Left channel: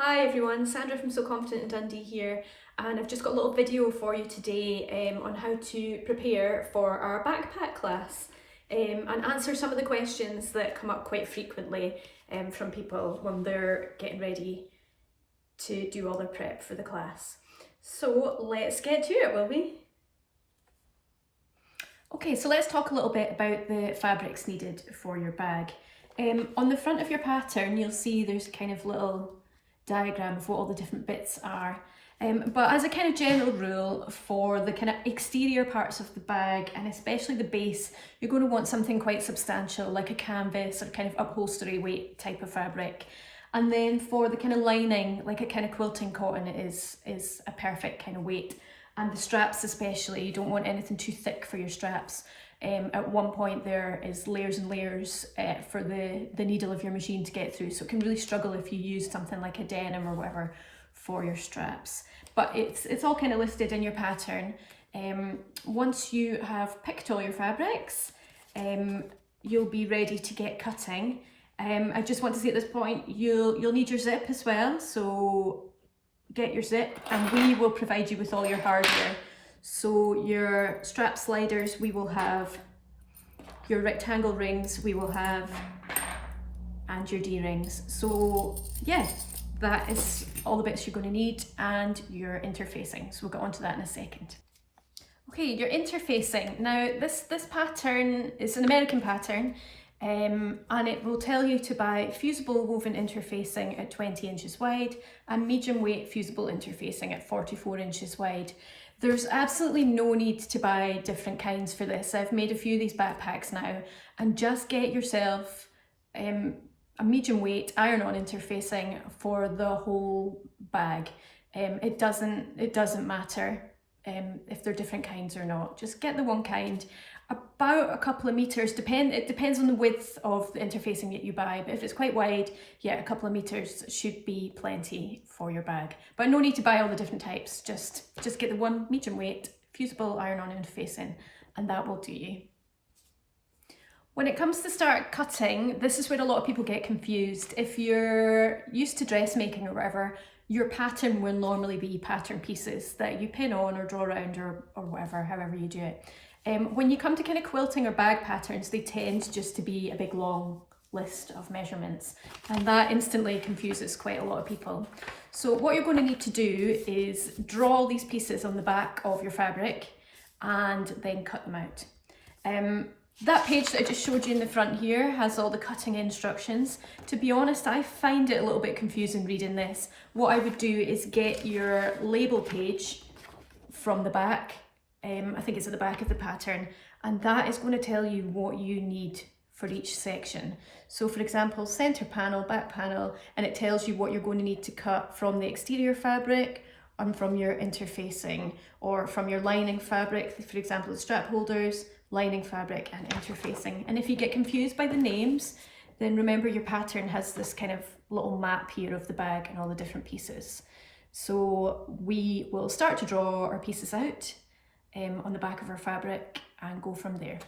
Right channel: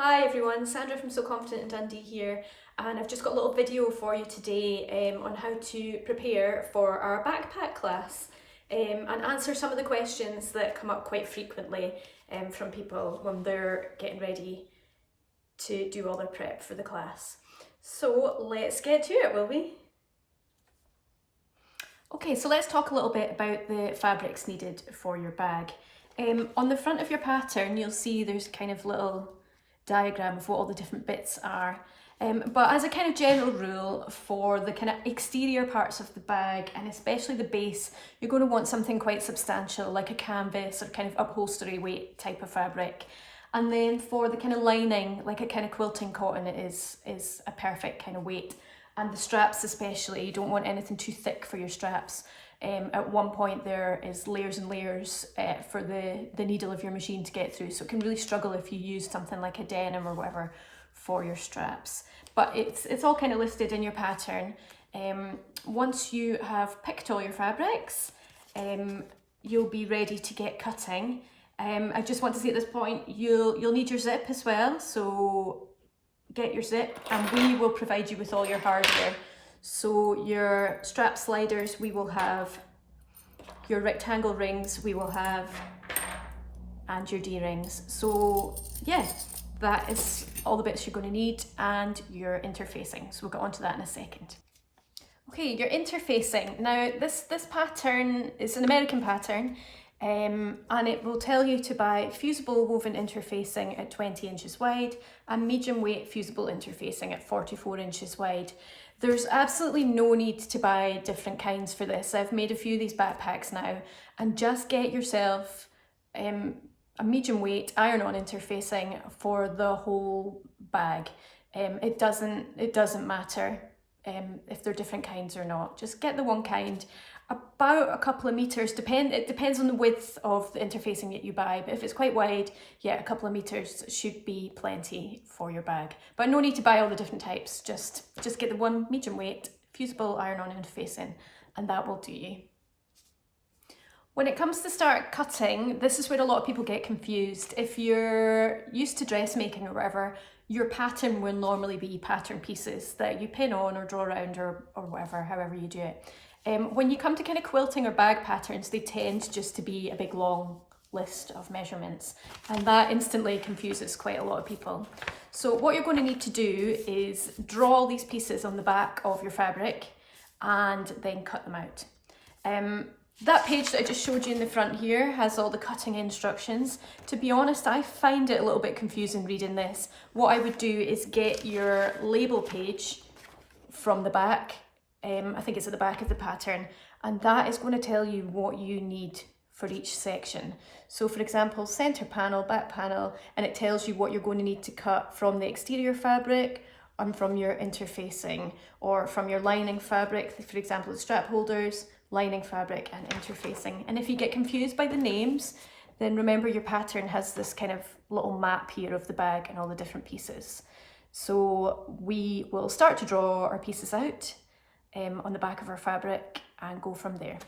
Hi everyone, Sandra from So Confident in Dundee here, and I've just got a little video for you today on how to prepare for our backpack class and answer some of the questions that come up quite frequently from people when they're getting ready to do all their prep for the class. So let's get to it, will we? Okay, so let's talk a little bit about the fabrics needed for your bag. On the front of your pattern, you'll see there's a kind of little diagram of what all the different bits are. But as a kind of general rule, for the kind of exterior parts of the bag, and especially the base, you're going to want something quite substantial, like a canvas or kind of upholstery weight type of fabric. And then for the kind of lining, like a kind of quilting cotton is a perfect kind of weight. And the straps especially, you don't want anything too thick for your straps. At one point there is layers and layers for the needle of your machine to get through, so it can really struggle if you use something like a denim or whatever for your straps. But it's all kind of listed in your pattern. Once you have picked all your fabrics, you'll be ready to get cutting. I just want to say at this point, you'll need your zip as well, so get your zip and we will provide you with all your hardware. So your strap sliders we will have, your rectangle rings we will have, and your D-rings. So yeah, that is all the bits you're going to need, and your interfacing. So we'll get onto that in a second. Okay, your interfacing. Now this pattern is an American pattern, and it will tell you to buy fusible woven interfacing at 20 inches wide and medium weight fusible interfacing at 44 inches wide. There's absolutely no need to buy different kinds for this. I've made a few of these backpacks now, and just get yourself a medium weight iron-on interfacing for the whole bag. It doesn't matter if they're different kinds or not. Just get the one kind. About a couple of meters, it depends on the width of the interfacing that you buy, but if it's quite wide, yeah, a couple of meters should be plenty for your bag. But no need to buy all the different types, just get the one medium weight fusible iron-on interfacing, and that will do you. When it comes to start cutting, this is where a lot of people get confused. If you're used to dressmaking or whatever, your pattern will normally be pattern pieces that you pin on or draw around or whatever, however you do it. When you come to kind of quilting or bag patterns, they tend just to be a big long list of measurements, and that instantly confuses quite a lot of people. So what you're going to need to do is draw all these pieces on the back of your fabric and then cut them out. That page that I just showed you in the front here has all the cutting instructions. To be honest, I find it a little bit confusing reading this. What I would do is get your label page from the back. I think it's at the back of the pattern, and that is going to tell you what you need for each section. So for example, center panel, back panel, and it tells you what you're going to need to cut from the exterior fabric and from your interfacing, or from your lining fabric, for example, the strap holders, lining fabric and interfacing. And if you get confused by the names, then remember your pattern has this kind of little map here of the bag and all the different pieces. So we will start to draw our pieces out on the back of our fabric and go from there.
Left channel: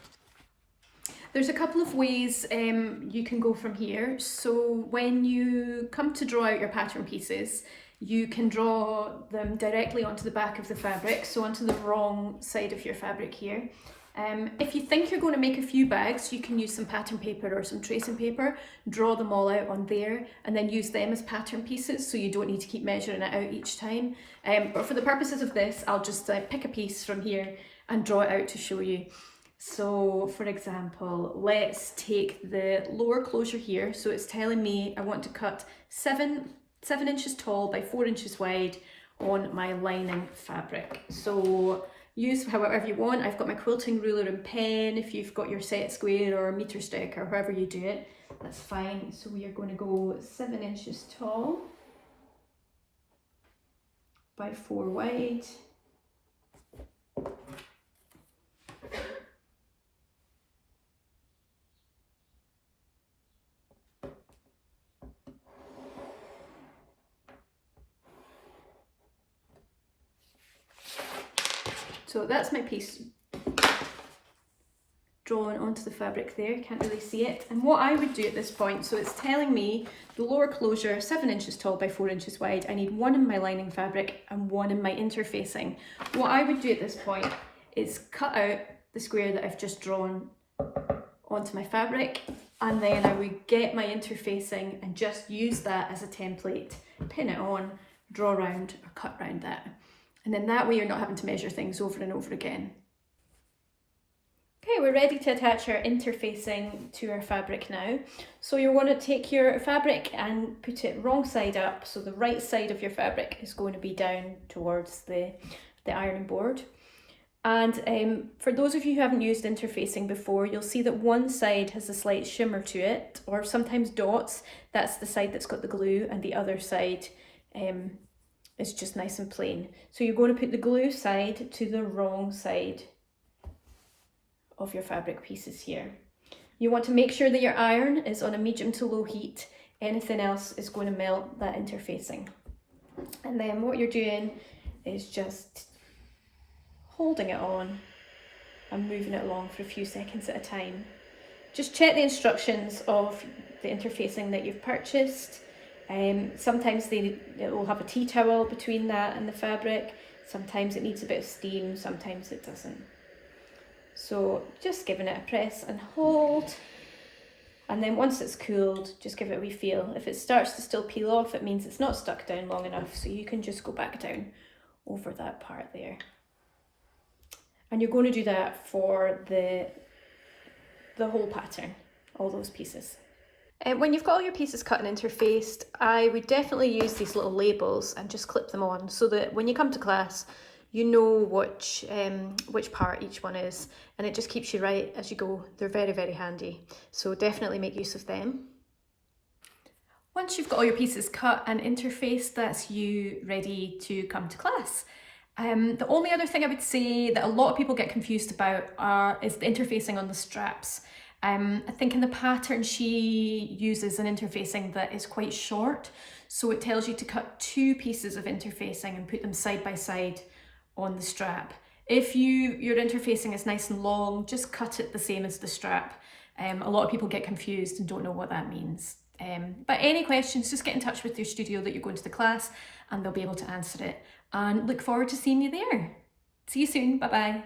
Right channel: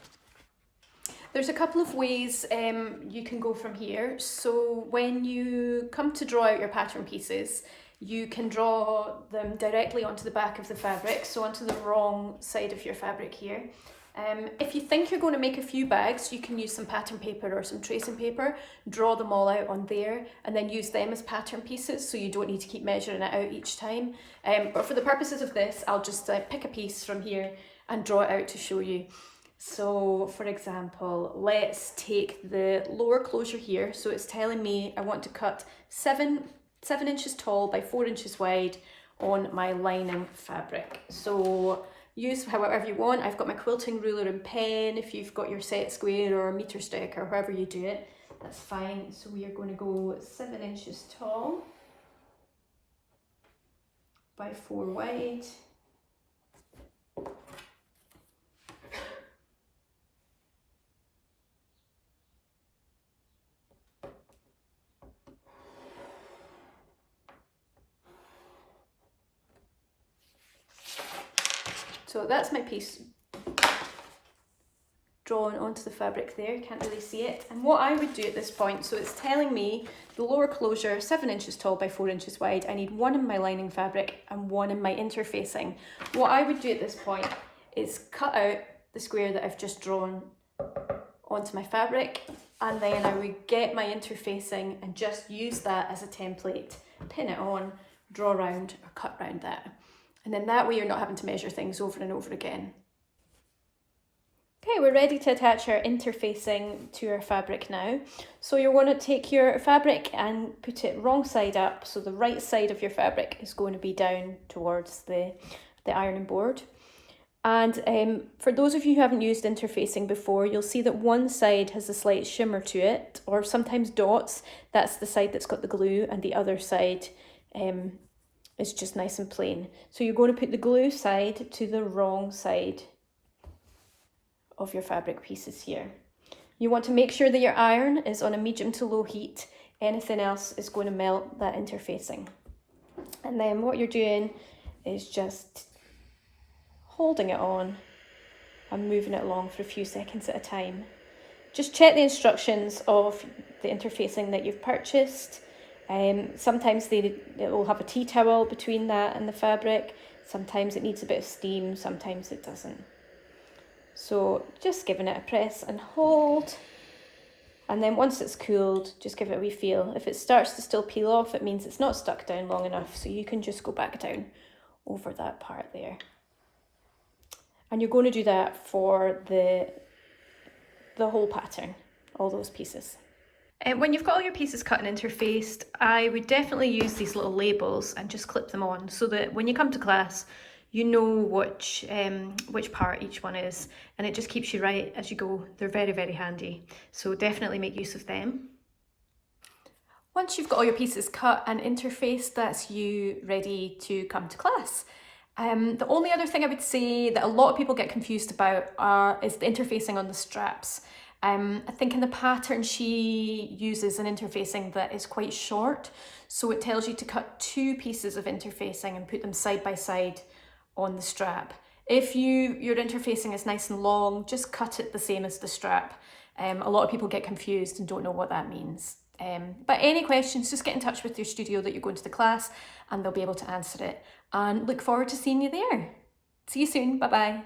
There's a couple of ways you can go from here. So when you come to draw out your pattern pieces, you can draw them directly onto the back of the fabric, so onto the wrong side of your fabric here. If you think you're going to make a few bags, you can use some pattern paper or some tracing paper, draw them all out on there, and then use them as pattern pieces, so you don't need to keep measuring it out each time. But for the purposes of this, I'll just pick a piece from here and draw it out to show you. So for example, let's take the lower closure here. So it's telling me I want to cut 7 inches tall by 4 inches wide on my lining fabric. So use however you want. I've got my quilting ruler and pen. If you've got your set square or a meter stick or however you do it, that's fine. So we are going to go 7 inches tall by 4 wide. So that's my piece drawn onto the fabric there, can't really see it. And what I would do at this point, so it's telling me the lower closure, 7 inches tall by 4 inches wide. I need 1 in my lining fabric and 1 in my interfacing. What I would do at this point is cut out the square that I've just drawn onto my fabric, and then I would get my interfacing and just use that as a template, pin it on, draw around or cut around that. And then that way you're not having to measure things over and over again. Okay, we're ready to attach our interfacing to our fabric now. So you're going to take your fabric and put it wrong side up. So the right side of your fabric is going to be down towards the ironing board. And for those of you who haven't used interfacing before, you'll see that one side has a slight shimmer to it, or sometimes dots. That's the side that's got the glue, and the other side is just nice and plain. So you're going to put the glue side to the wrong side of your fabric pieces here. You want to make sure that your iron is on a medium to low heat. Anything else is going to melt that interfacing. And then what you're doing is just holding it on and moving it along for a few seconds at a time. Just check the instructions of the interfacing that you've purchased. Sometimes it will have a tea towel between that and the fabric. Sometimes it needs a bit of steam, sometimes it doesn't. So just giving it a press and hold, and then once it's cooled, just give it a wee feel. If it starts to still peel off, it means it's not stuck down long enough, so you can just go back down over that part there. And you're going to do that for the whole pattern, all those pieces. When you've got all your pieces cut and interfaced, I would definitely use these little labels and just clip them on so that when you come to class, you know which part each one is, and it just keeps you right as you go. They're very, very handy, so definitely make use of them. Once you've got all your pieces cut and interfaced, that's you ready to come to class. The only other thing I would say that a lot of people get confused about is the interfacing on the straps. I think in the pattern she uses an interfacing that is quite short, so it tells you to cut 2 pieces of interfacing and put them side by side on the strap. If your interfacing is nice and long, just cut it the same as the strap. A lot of people get confused and don't know what that means. But any questions, just get in touch with your studio that you're going to the class and they'll be able to answer it. And look forward to seeing you there. See you soon. Bye bye.